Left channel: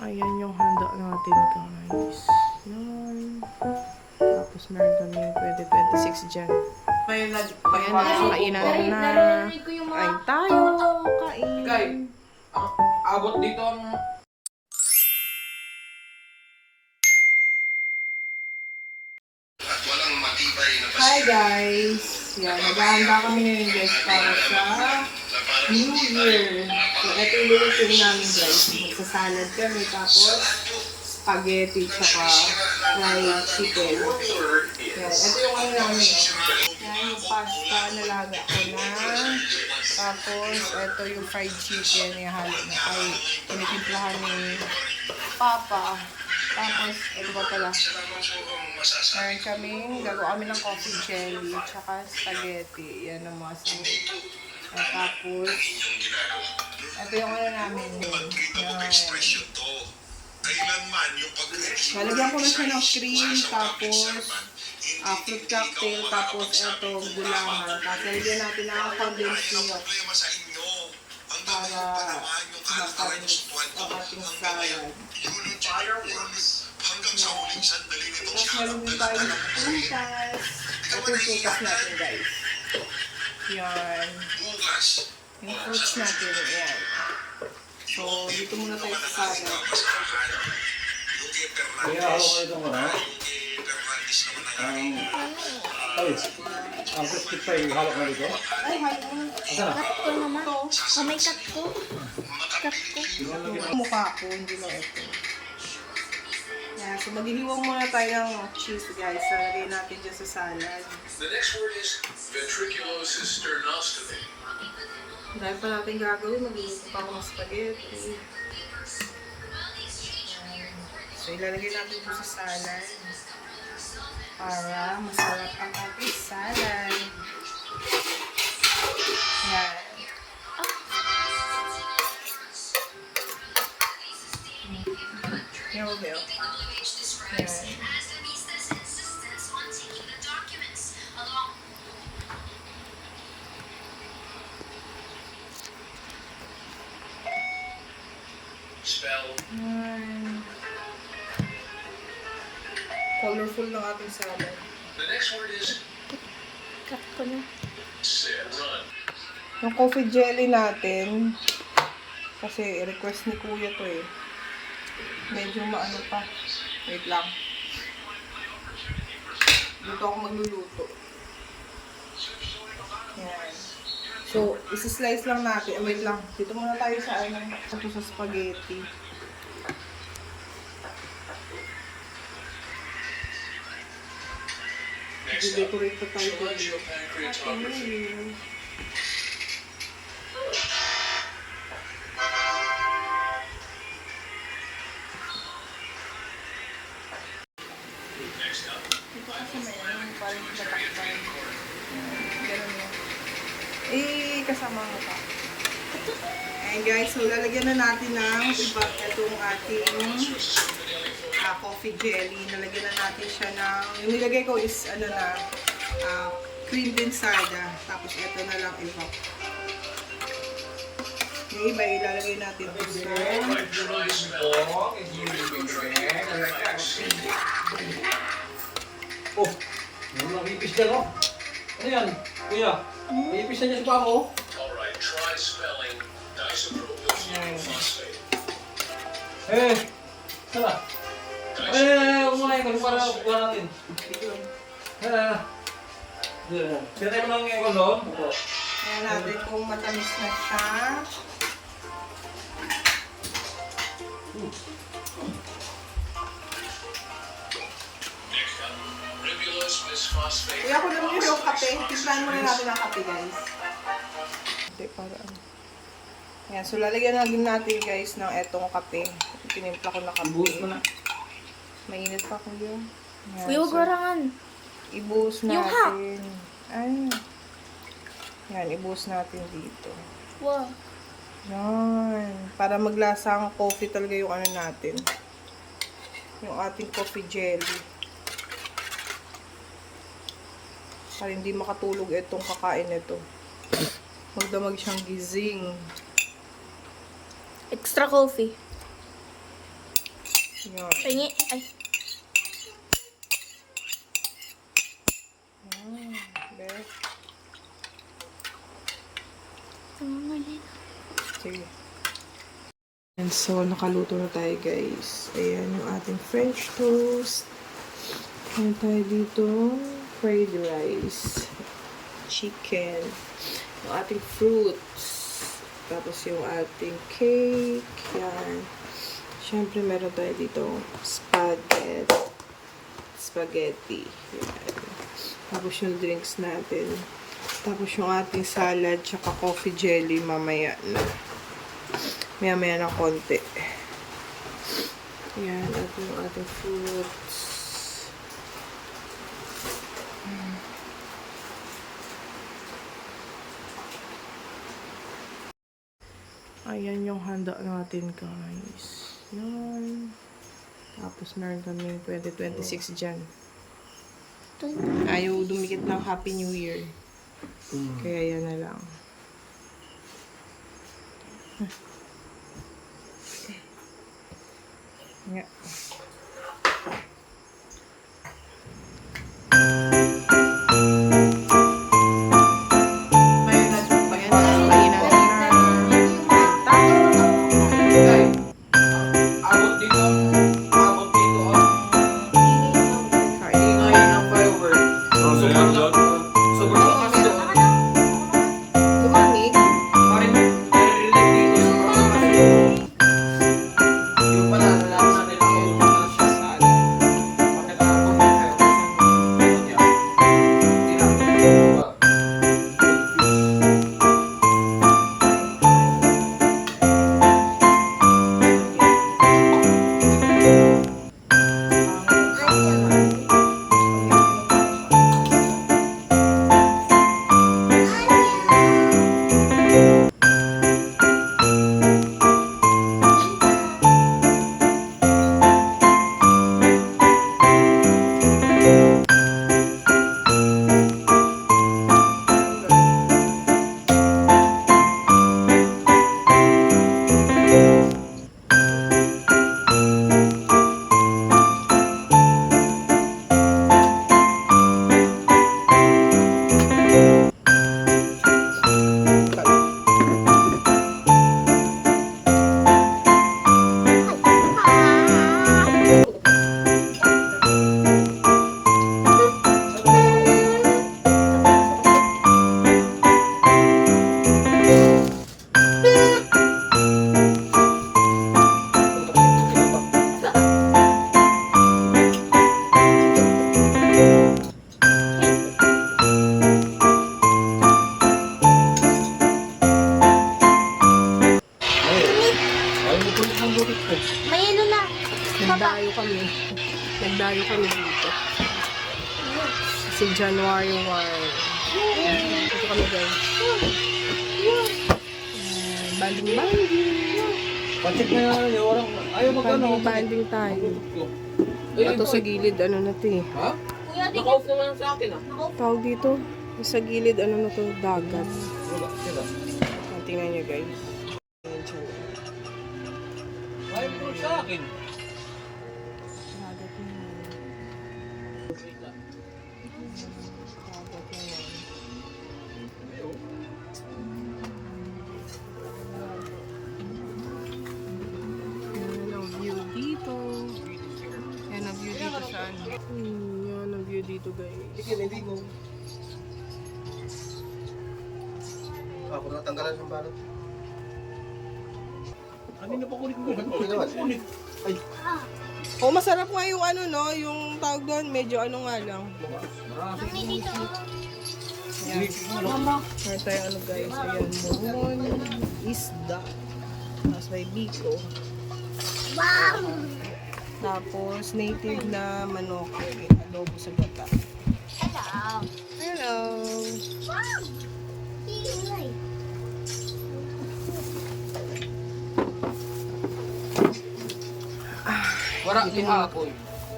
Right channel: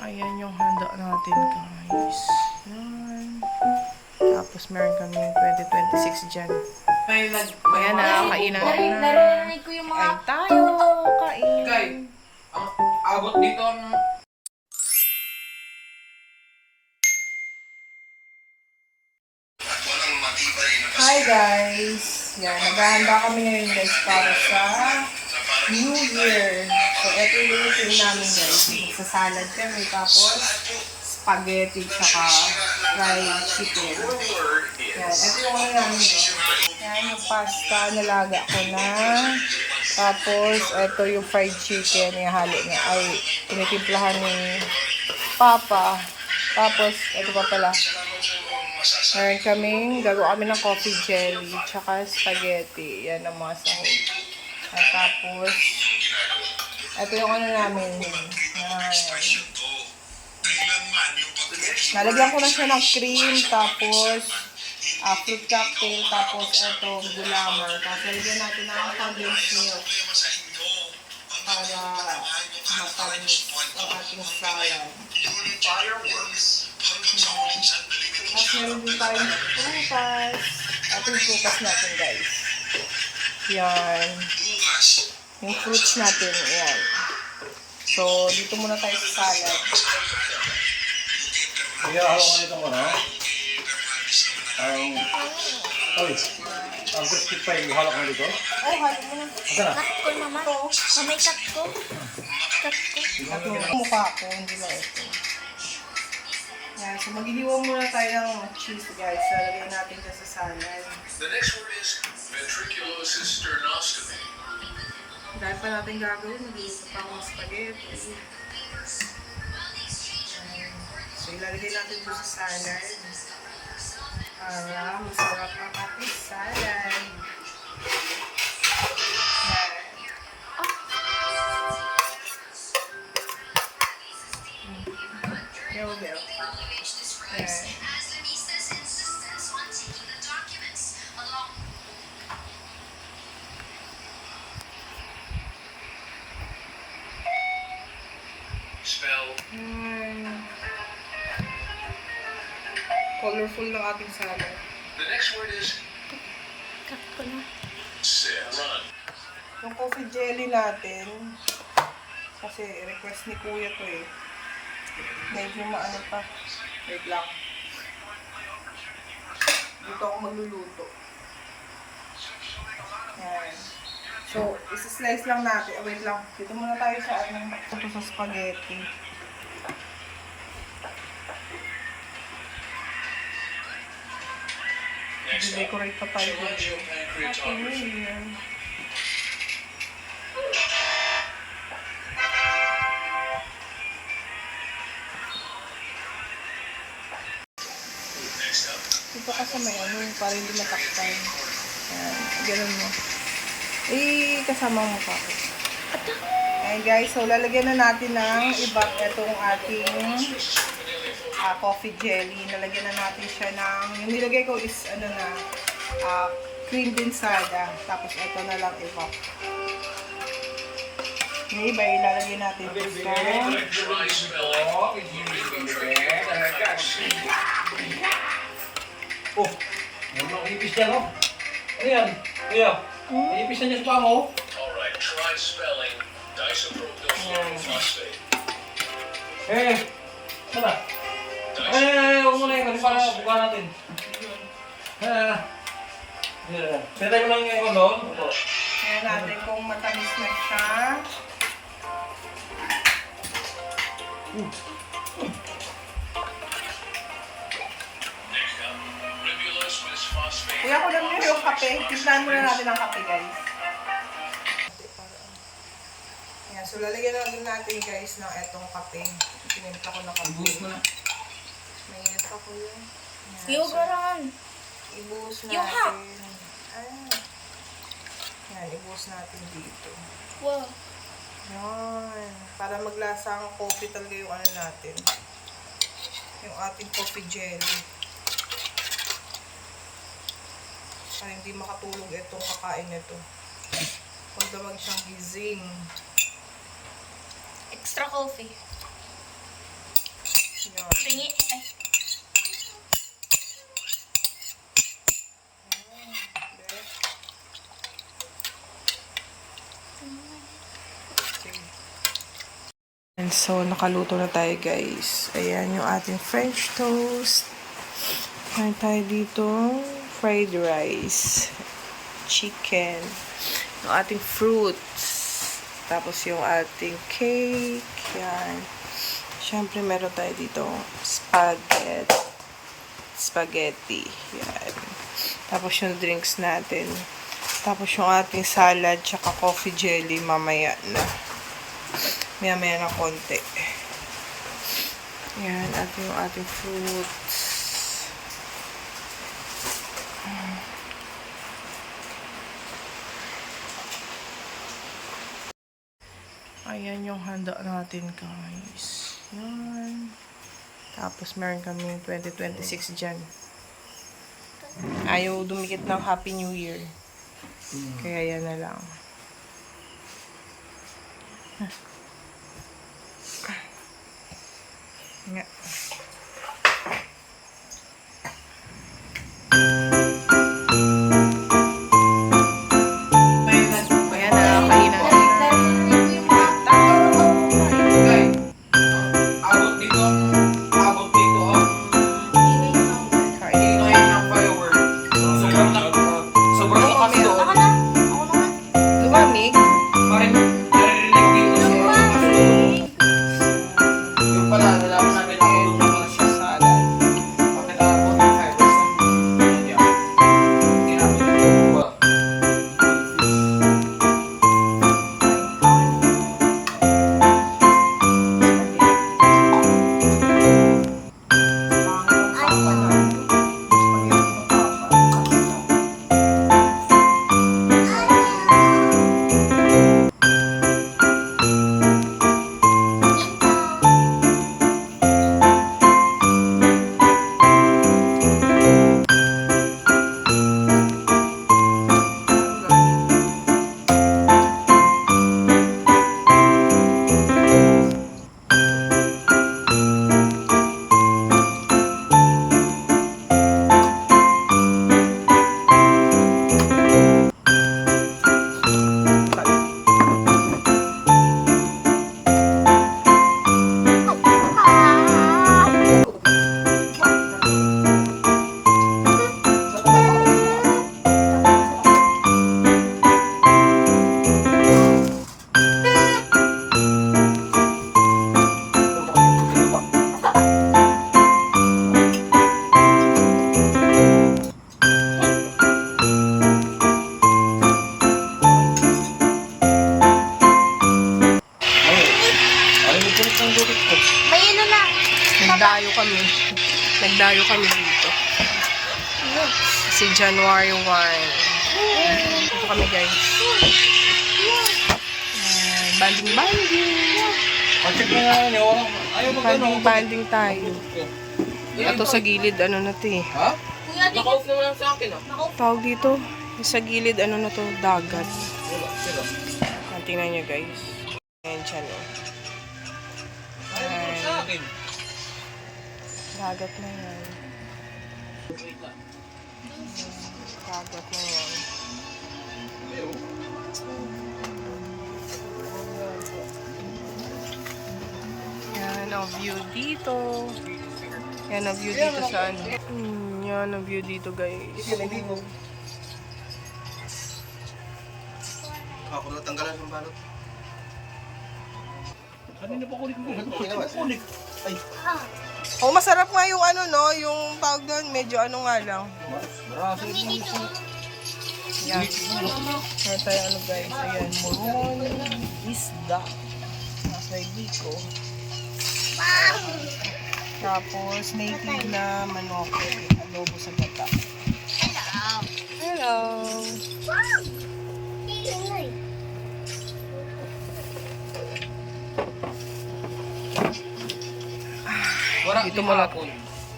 Ayan yung handa natin, guys. Yan. Tapos meron kaming 2026 dyan. Ayan na, kainan na. Narinig ko yung mga... Ay, tayo. Kain. Kay, ang abot dito ang... Hi, guys. Yan, naghahanda kami ngayon, guys, para sa New Year. So, ito yung lutuin namin, guys. Sa salad kami, tapos spaghetti, tsaka fried chicken. Yan, ito yung ano namin, Yan, yung pasta, nalaga ko na. Tapos, ito yung fried chicken, yung halo niya. Ay, pinitimplahan ni Papa. Tapos, ito pa pala. Meron kaming, gagawa kami ng coffee jelly, tsaka spaghetti. Yan ang mga sahog. At tapos, ito yung ano namin yun. Yan. Lalagyan ko na siya ng cream, tapos fruit cocktail, tapos ito, gulaman. Tapos lalagyan natin ng condensed milk para matamis ang ating salad. Tapos meron din tayo prutas. Ito yung prutas natin, guys. Yan. Yung fruits natin, yan. So, dito muna tayo sa salad. Kaya halo ka dito muna. Ang crispy pa yung halo ka dito. Oh, halo muna. Cut ko naman. Kamay cut ko. Cut ko. Yung mukha ko, hindi lang ito. Yan, so maghihiwa muna tayo ng cheese, guys. So, lagay natin dyan sa salad. The next word is ventriculosis sternostomy. Dahil pa natin gagawin, magluluto pa ng spaghetti. So, ilalagay natin dito sa salad para masarap ang ating salad. Yan. Yan, Bel. Yan. Spell Yan. Colorful ng ating salad. the next word is Cut ko na. run. Yung coffee jelly natin, kasi request ni Kuya to eh. Medyo maano pa. Wait lang. Dito ako magluluto. Yan. So, isa-slice lang natin. Oh, wait lang. Dito muna tayo sa ano. Ito sa spaghetti. I-decorate pa tayo dito. Happy New Year. Ito kasi may ano, para hindi makaktan. Ganun mo. Kasama mo pa. Ayan guys, so lalagyan na natin ng iba itong ating coffee jelly. Nalagyan na natin siya ng, yung nilagay ko is ano na, cream insada. Tapos ito na lang iba. Yung iba ilalagay natin sa Try spelling. Oh, may ipis dyan, oh. Ano yan? Kuya, may ipis na dyan sa pamo, oh. Alright, try spelling disopropyl phosphate. Eh, tara. Huwag muna yung kasi para buka natin. Sinatay mo ng ikon doon? Ayan natin kung matamis na siya. Next up, ribulose bisphosphate. Kuya ko lang yung kape. Timplahan muna natin ang kape, guys. Ayan, so lalagyan na din natin, guys, ng etong kape. Pinimpla ko na kape. Ibuhos mo na. Mainit pa, kuya. Ayan, Kuya, so, garangan. ibuhos natin. Yung hap. Ay. Yan, ibuhos natin dito. Wow. Yan. Para maglasa ang coffee talaga yung ano natin. Yung ating coffee jelly. Para hindi makatulog itong kakain nito. Magdamag siyang gising. Extra coffee. Pingi. Ay. Bet. Sige. And so, nakaluto na tayo guys. Ayan yung ating French toast. Meron tayo dito fried rice, chicken, yung ating fruits, tapos yung ating cake, yan. Siyempre, meron tayo dito spaghetti, yan. Tapos yung drinks natin. Tapos yung ating salad, tsaka coffee jelly, mamaya na. Maya-maya na konti. Yan, at yung ating fruits. Ayan yung handa natin, guys. Yan. Tapos, meron kaming 2026 dyan. Ayaw dumikit ng Happy New Year. Kaya yan na lang. Nga. Ayan na, kainan na. Abot dito. Abot dito. Kain. Ngayon ang firework. Sobrang lakas to. Lumamig. Bakit naririnig dito sa yung pala, alam na rin yung sa salad. Bakit abot ng fireworks ng niya? May ano lang. Nagdayo kami dito. Kasi January 1. Dito kami guys. Banding. Pacheck na nga niya. Ayaw Banding tayo. Ito sa gilid, ano na to eh. Ha? Kuya, di Naka-off naman lang sa akin ah. Tawag dito, sa gilid, ano na to, dagat. Sila. Tingnan nyo guys. Ayan siya no. Ayaw naman sa akin. Dagat na yan. Dagat na yan. Yan ang view dito. Yan ang view dito sa ano. Yan ang view dito guys. Ako na tanggalan ng balot. Kanina pa kulit mo. Kulit. Ay. Oh, masarap nga yung ano no, yung tawag doon, medyo ano nga lang. Yan. Meron tayo ano guys, ayan, moron, isda. Tapos may biko. Tapos native na manok, adobo sa gata. Hello.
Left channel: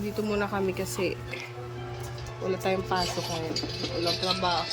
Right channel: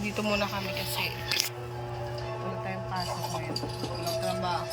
Dito muna kami kasi wala tayong pasok ngayon. Wala trabaho.